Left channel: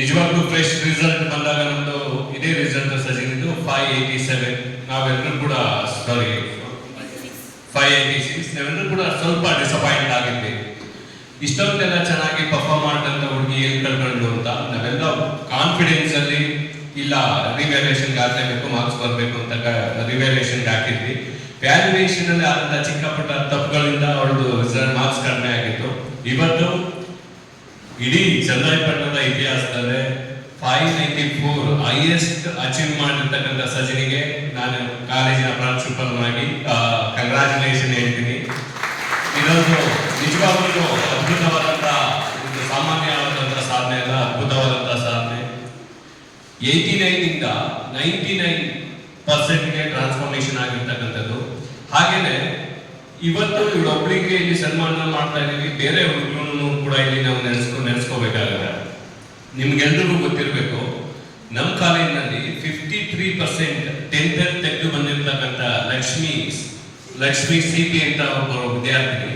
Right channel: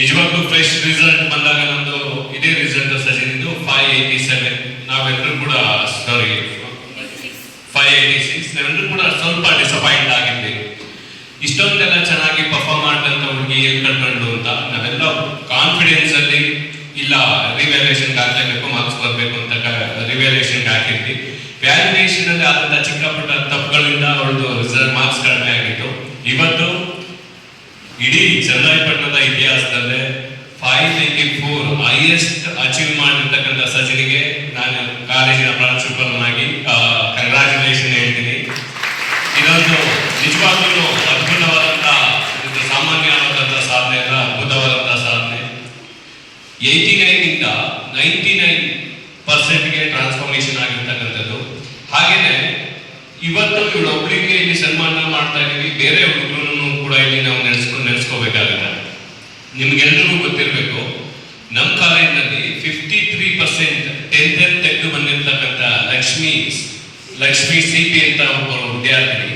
ನಿಜವಾಗ್ಲೂ fresh result ಬಂದಾಗ ನಮ್ದು ಇದೇ ರಿಸಲ್ಟ್ ಸಜಿನಿದ್ದು 587. ನಾವೆಲ್ಲರೂ ಕೂಡ ಸಾರಿ 586 ನಾವೆಲ್ಲರೂ ಕೂಡ ಸ್ವಲ್ಪ ಡಿಸಪಾಯಿಂಟ್ ಆಗಿದ್ವಿ. ಇಷ್ಟೊಂದೆಲ್ಲ ಚೆನ್ನಾಗಿ ಪರ್ಫಾರ್ಮ್ ಮಾಡಿದಂತ ಹುಡುಗಿ ಎಲ್ಲಿ ಕಳ್ಕೊಂಡು ಅಂತ ನಾವೆಲ್ಲ ಕಾನ್ಫಿಡೆನ್ಸ್ ಅಲ್ಲಿ ಇಲ್ಲ ರಿವ್ಯಾಲ್ಯೂಯೇಷನ್ ಹಾಕಬೇಕು, ಮಾರ್ಕ್ಸ್ ಬರಬೇಕು ಅಂತ ರಿವ್ಯಾಲ್ಯೂಯೇಷನ್ ಹಾಕಿದ್ವಿ. ವ್ಯಾಲ್ಯೂಯೇಷನ್ ಅಲ್ಲಿ ಆದಂತ ಚಿಕ್ಕ ಪುಟ್ಟ ತಪ್ಪುಗಳಿಂದ ಅವಳದು ರಿಸಲ್ಟ್ ಮಾರ್ಕ್ಸ್ ಕಡಿಮೆ ಆಗಿತ್ತು. ಇವತ್ತು ಇಡೀ ಚನ್ನರಾಯಪಟ್ಟಣದ ಇತಿಹಾಸದಲ್ಲೇ 594 ಹೈಯೆಸ್ಟ್ ಅಚೀವ್ ಮಾಡಿರ್ತಕ್ಕಂಥ ಸಚಿನಿಗೆ ನಾನು ಕಾಲೇಜಿನ ಪ್ರಾಂಶುಪಾಲನಾಗಿ ಕಂಗ್ರಾಚುಲೇಷನ್ ಹೇಳ್ತೀನಿ. ಇದೊಂದು ನಿಜವಾಗ್ಲೂ ಅದ್ಭುತವಾದಂತ, ಇದು ಸಾಮಾನ್ಯವಾದಂತಹ ಸಾಧನೆ ಅಲ್ಲ, ಅದ್ಭುತವಾದಂತಹ ಸಾಧನೆ. 89 ಇಂದ 99% ಟ್ರಾನ್ಸ್ಫಾರ್ಮೇಶನ್ ಆಗಿರ್ತಕ್ಕಂಥದ್ದು. ಹಾಗೇನೆ ಇವತ್ತು ಇವಳೊಬ್ಬಳಿಗೆ ಇಲ್ಲಿ ಸನ್ಮಾನ ಮಾಡ್ತಾ ಇದೀವಿ, ಬೇರೆ ಹುಡುಗರು ಕೂಡ ಇಲ್ಲಿ ನಾವು ನೆನೆಸ್ಕೋಬೇಕಾಗುತ್ತೆ. ನಿಮ್ಗೆಲ್ಲರಿಗೂ ಗೊತ್ತಿರಬೇಕು, ನಮ್ಮ ಕಾಲೇಜಿನಲ್ಲಿ 53% 10th ತೆಗೆದು ಬಂದಿರ್ತಕ್ಕಂಥ ಲಕ್ಷ್ಮಿ ಸಿಪಿ ಅಂತ ಒಬ್ಬ ವಿದ್ಯಾರ್ಥಿ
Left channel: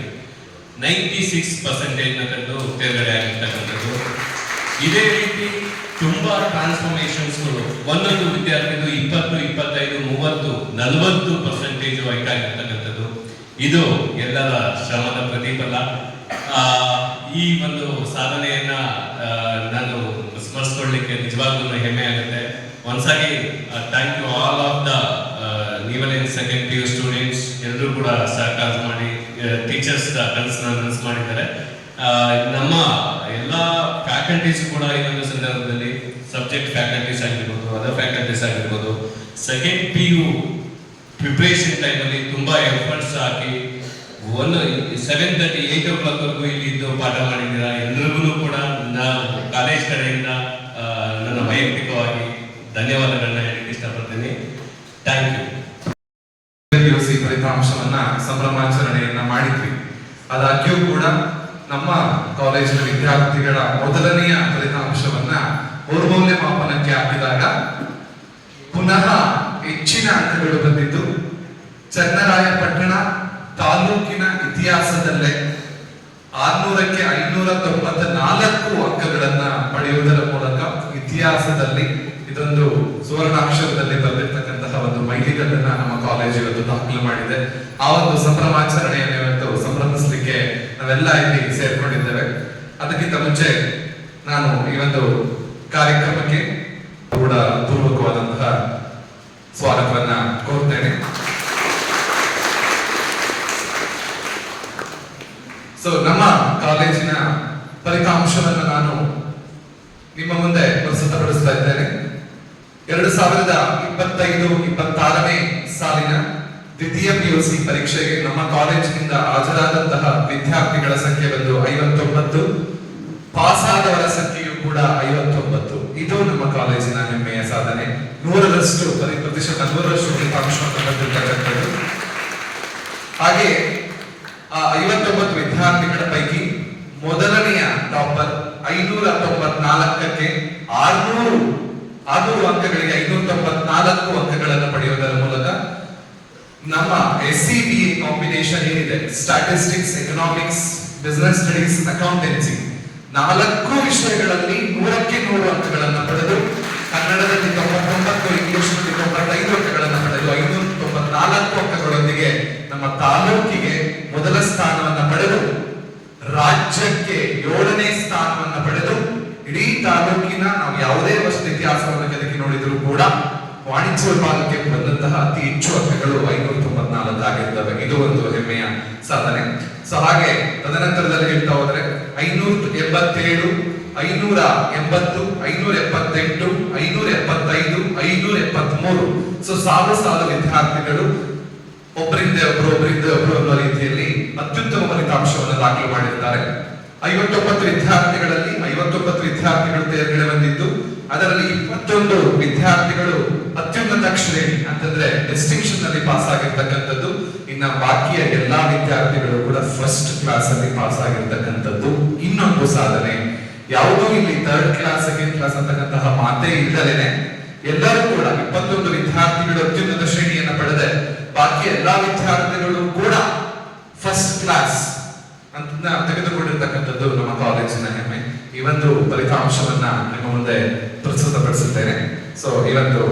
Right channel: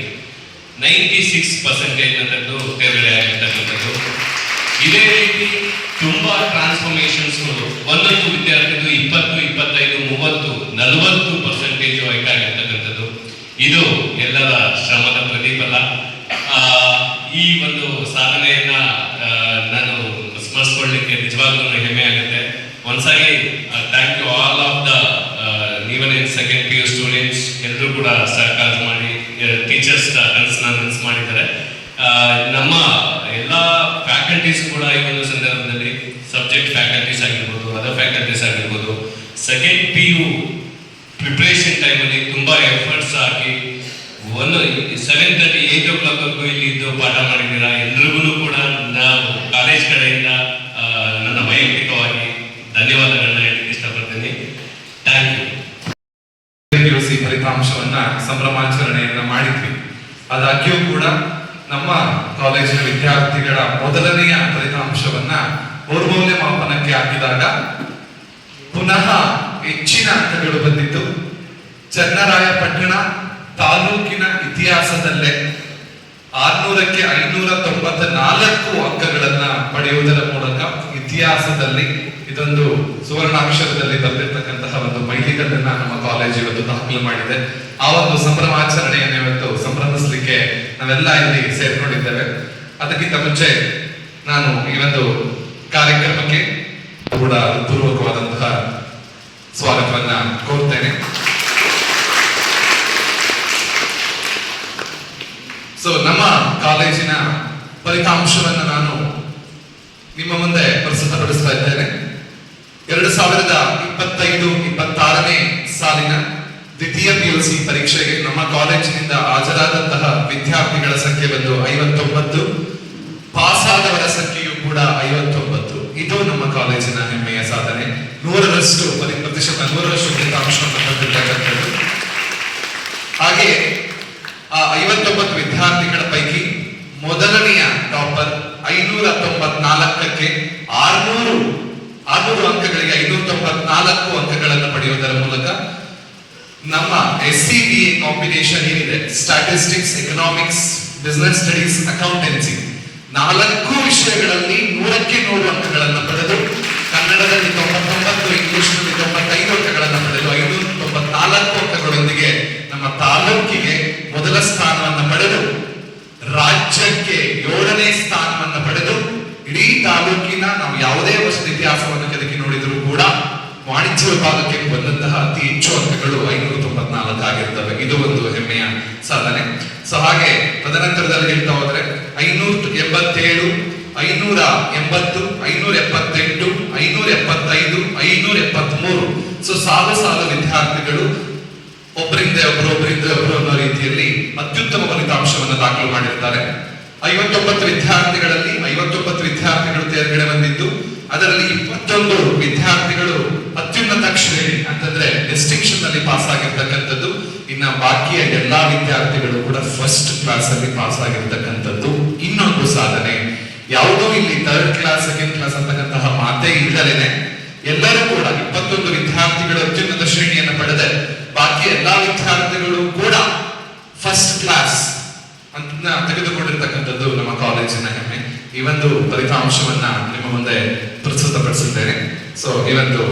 96% ತೆಗೆದು ತೇರ್ಗಡೆ ಆಗಿರ್ತಕ್ಕಂಥದ್ದು. ಇದೇ ರೀತಿ ತುಂಬಾ ಟ್ರಾನ್ಸ್ಫಾರ್ಮೇಶನ್ಸ್ಗಳು ಒಂದೊಂದು ವಿದ್ಯಾರ್ಥಿಗಳು 20, 25, 30, 40% ಆಗಿರ್ತಕ್ಕಂಥದ್ದು. ಇದು ಎಲ್ಲರ ಶ್ರಮದ ಪ್ರತಿಫಲ. ಈ ಒಂದು ಸಾಧನೆಯನ್ನ ನಾನು ಸ್ಮರಿಸ್ಕೊಳ್ಳಿಕ್ಕೆ ನಿಜವಾಗ್ಲೂ ಹೆಮ್ಮೆ ಆಗುತ್ತೆ. Once again thank you all of the ನೀವನ್ ಇನ್ ಸೆಕೆಂಡ್ PU ಸ್ಟೂಡೆಂಟ್ಸ್. ಎಲ್ಲರೂ ಕೂಡ ಸಹಕಾರ ಮಾಡಿ, ಟೀಚರ್ಸ್ ಕನಸು ಮಾಡಿದ್ದಾರೆ. ನಮ್ಮ ಎಲ್ಲ ಫ್ಯಾಕಲ್ಟೀಸ್ ಕೂಡ ಈ ಒಂದು ಸಂದರ್ಭದಲ್ಲಿ ಸಬ್ಜೆಕ್ಟ್ ಫ್ಯಾಕಲ್ಟೀಸ್ ಆಗಿರ್ಬೋದು, ಅದರ್ ಫ್ಯಾಕಲ್ಟೀಸ್ ಆಗಿರ್ಬೋದು, ಸೆಕೆಂಡ್ PU ಪ್ರಿಪರೇಷನ್ ಟೈಮಲ್ಲಿ ತುಂಬಾ ಎಫರ್ಟ್ಸ್ ಹಾಕಿ 7:30 8 o'clock ಇಲ್ಲಿ ಇದ್ದು ಪಾಠ ಮಾಡಿದ್ದೀರಾ. ಎಲ್ರಿಗೂ ಕೂಡ ನಾವು ಕಾಲೇಜ್ ಕಡೆಯಿಂದ ನನ್ನ ವೈಯಕ್ತಿಕವಾಗಿ ಧನ್ಯವಾದಗಳನ್ನ ಹೇಳಲಿಕ್ಕೆ ಇಷ್ಟಪಡ್ತೀನಿ. Thank you. PUC ಫಲಿತಾಂಶವನ್ನ ಸಂಭ್ರಮಾಚರಣೆಯನ್ನ ಮಾಡಿದ್ವಿ. ಆದಾಗ್ಯೂ ಕೂಡ ನಮ್ಮ ಕಾಲೇಜಿನ ವಿದ್ಯಾರ್ಥಿಗಳ ಮೊದಲನೆಯ ಫಲಿತಾಂಶವನ್ನ ಮೌಲ್ಯಮಾಪನಕ್ಕೆ ಹಾಕಿದಾಗ ಪುನಃ ಹೆಚ್ಚಿನ ಅಂಕಗಳು ಬಂದಿದ್ದು ಚನ್ನರಾಯಪಟ್ಟಣ ತಾಲೂಕಿನ ಇತಿಹಾಸದಲ್ಲೇ 600ಕ್ಕೆ 594 ಅಂಕಗಳನ್ನ ಪಡೆಯುವುದರ ಮೂಲಕ ಇತಿಹಾಸದಲ್ಲಿ ಇದೊಂದು ಸುವರ್ಣಾಕ್ಷರದಲ್ಲಿ ಬರೆದಿರ್ತಕ್ಕಂತಹ ಒಂದು ಮೈಲಿಗಲ್ಲನ್ನ ನಮ್ಮ ಕಾಲೇಜ್ ಇವತ್ತು ದಾಖಲು ಮಾಡಿದೆ. ಆ ಒಂದು ಸಂಭ್ರಮಾಚರಣೆಯನ್ನು ಇವತ್ತು ಸಂಭ್ರಮಿಸಲಿಕ್ಕೆ ನಾವೆಲ್ಲ ಇಲ್ಲಿ ಸೇರ್ಕೊಂಡಿದ್ದೇವೆ. ಅದಕ್ಕಿಂತ ಮುಂಚೆ ನಾನು ಈ ಒಂದು ಕಾರ್ಯಕ್ರಮಕ್ಕೆ ಕೂಡ ಪೂರ್ವಕವಾದಂತಹ ಸ್ವಾಗತವನ್ನ ಕೋರ್ತೇನೆ. ನಮ್ಮ ಕಾಲೇಜಿನ ಫಲಿತಾಂಶವನ್ನು ನಾನು ನಿಮ್ಮ ಮುಂದೆ ಪ್ರಸ್ತುತಪಡಿಸ್ತಾ ಇದ್ದೇನೆ. 2025-26ನೇ ಸಾಲಿನ ದ್ವಿತೀಯ PUC ಪರೀಕ್ಷೆಗೆ ನಮ್ಮ ಕಾಲೇಜಿನಿಂದ ಹಾಜರಾದಂತಹ ವಿದ್ಯಾರ್ಥಿಗಳ ಸಂಖ್ಯೆ ಬಂದು 59, ಪಾಸ್ ಆದವರ ಸಂಖ್ಯೆಯು ಕೂಡ 59. ಇದು ನಮ್ಮ ಕಾಲೇಜಿನ ಹೆಮ್ಮೆಯ ಸಾಧನೆ. 100% ಫಲಿತಾಂಶವನ್ನು ಪಡೆದಿರ್ತಕ್ಕಂಥದ್ದು. ಹಾಗೆ ಆ 59 ವಿದ್ಯಾರ್ಥಿಗಳ ಪೈಕಿ ಮೊದಲನೆಯ ಟಾಪರ್ 594ಕ್ಕೆ 600 ಅಂಕಗಳಿಗೆ 594 ಅಂಕಗಳನ್ನು ಪಡೆಯುವುದರ ಮೂಲಕ ನಮ್ಮ SCBA ಕಾಂಬಿನೇಷನ್ ಏನಿದೆ, statistics, economics, business studies, accountancy, 4 ವಿಷಯಗಳಲ್ಲಿ 100ಕ್ಕೆ 100 ಅಂಕಗಳನ್ನು ಪಡೆದು ಕನ್ನಡದಲ್ಲಿ 99, ಇಂಗ್ಲಿಷ್ನಲ್ಲಿ 95 ಅಂಕಗಳನ್ನು ಪಡೆದು 594 ಅಂಕಗಳೊಂದಿಗೆ ನಮ್ಮ ತಾಲೂಕಿಗೆ ಮೊದಲ ಸ್ಥಾನವನ್ನು ಪಡೆದು ರಾಜ್ಯಕ್ಕೆ 7ನೇ ಸ್ಥಾನವನ್ನು ಪಡೆದು ಇಡೀ ತಾಲೂಕಿನ ನಾವು ಯಾವುದೇ ವರ್ಷದ ಇತಿಹಾಸವನ್ನು ಕೆದಕಿ ನೋಡಿದರೂ ಕೂಡ ವಾಣಿಜ್ಯ ವಿಭಾಗಕ್ಕೆ ಬಂದಂತಹ ಅತಿ ಹೆಚ್ಚು ಅಂಕಗಳು 594 ಆಗಿರ್ತವೆ. ಇದು ಒಂದು ಹೆಮ್ಮೆಯ ಸಾಧನೆ. ಹಾಗೆ ತದನಂತರದಲ್ಲಿ ಹೇಳ್ತಾ ಹೋದ್ರೆ 587, 580, 578, 575, 573 ಸಾಲು ವಿದ್ಯಾರ್ಥಿಗಳು ಒಬ್ಬರಿಂದ ಒಬ್ಬರು ಅನ್ನೋ ರೀತಿಯಲ್ಲಿ ಅತ್ಯುತ್ತಮ ಫಲಿತಾಂಶವನ್ನು ದಾಖಲು ಮಾಡಿರ್ತಾರೆ. 59 ವಿದ್ಯಾರ್ಥಿಗಳಲ್ಲಿ 59 ವಿದ್ಯಾರ್ಥಿಗಳು ತೇರ್ಗಡೆ ಬಂದಿದ್ದು, ಅದರಲ್ಲಿ 21 ವಿದ್ಯಾರ್ಥಿಗಳು ಅತ್ಯುನ್ನತ ಶ್ರೇಣಿ ಅಂತಂದ್ರೆ ಡಿಸ್ಟಿಂಕ್ಷನ್ ನಲ್ಲಿ ಪಾಸ್ ಆಗಿರ್ತಕ್ಕಂಥದ್ದು. ಇನ್ನ ಬಾಕಿಯ ಎಲ್ಲಾ ವಿದ್ಯಾರ್ಥಿಗಳು ಕೂಡ ಫಸ್ಟ್ ಕ್ಲಾಸ್ ಅಲ್ಲಿ ಪಾಸ್ ಆಗಿರ್ತಕ್ಕಂಥದ್ದು ಇನ್ನೊಂದು ಸಾಧನೆ. ಯಾವುದೋ ಇಲ್ಲಿ 3rd ಕ್ಲಾಸ್, 2nd ಕ್ಲಾಸ್ ಅಂತಕ್ಕಂತಹ ಮಾತೇ ಇಲ್ಲದೇನೆ ಎಲ್ಲರೂ ಕೂಡ 21 ವಿದ್ಯಾರ್ಥಿಗಳು ಅತ್ಯುನ್ನತ ಶ್ರೇಣಿಯನ್ನು ಪಡೆದೆ ಬಾಕಿ ಎಲ್ಲಾ ವಿದ್ಯಾರ್ಥಿಗಳು ಕೂಡ ಫಸ್ಟ್ ಕ್ಲಾಸ್ ಅಂತ ತೆಗೆದುಕೊಂಡಿರ್ತಕ್ಕಂಥದ್ದು ನಮ್ಮ ಕಾಲೇಜಿನ ಹೆಮ್ಮೆ. ಈ ಒಂದು ಫಲಿತಾಂಶವನ್ನ ನಿಮ್ಮ ಮುಂದೆ ಪ್ರಸ್ತುತಪಡಿಸುತ್ತೇನೆ. ಸೊ ಈ ಒಂದು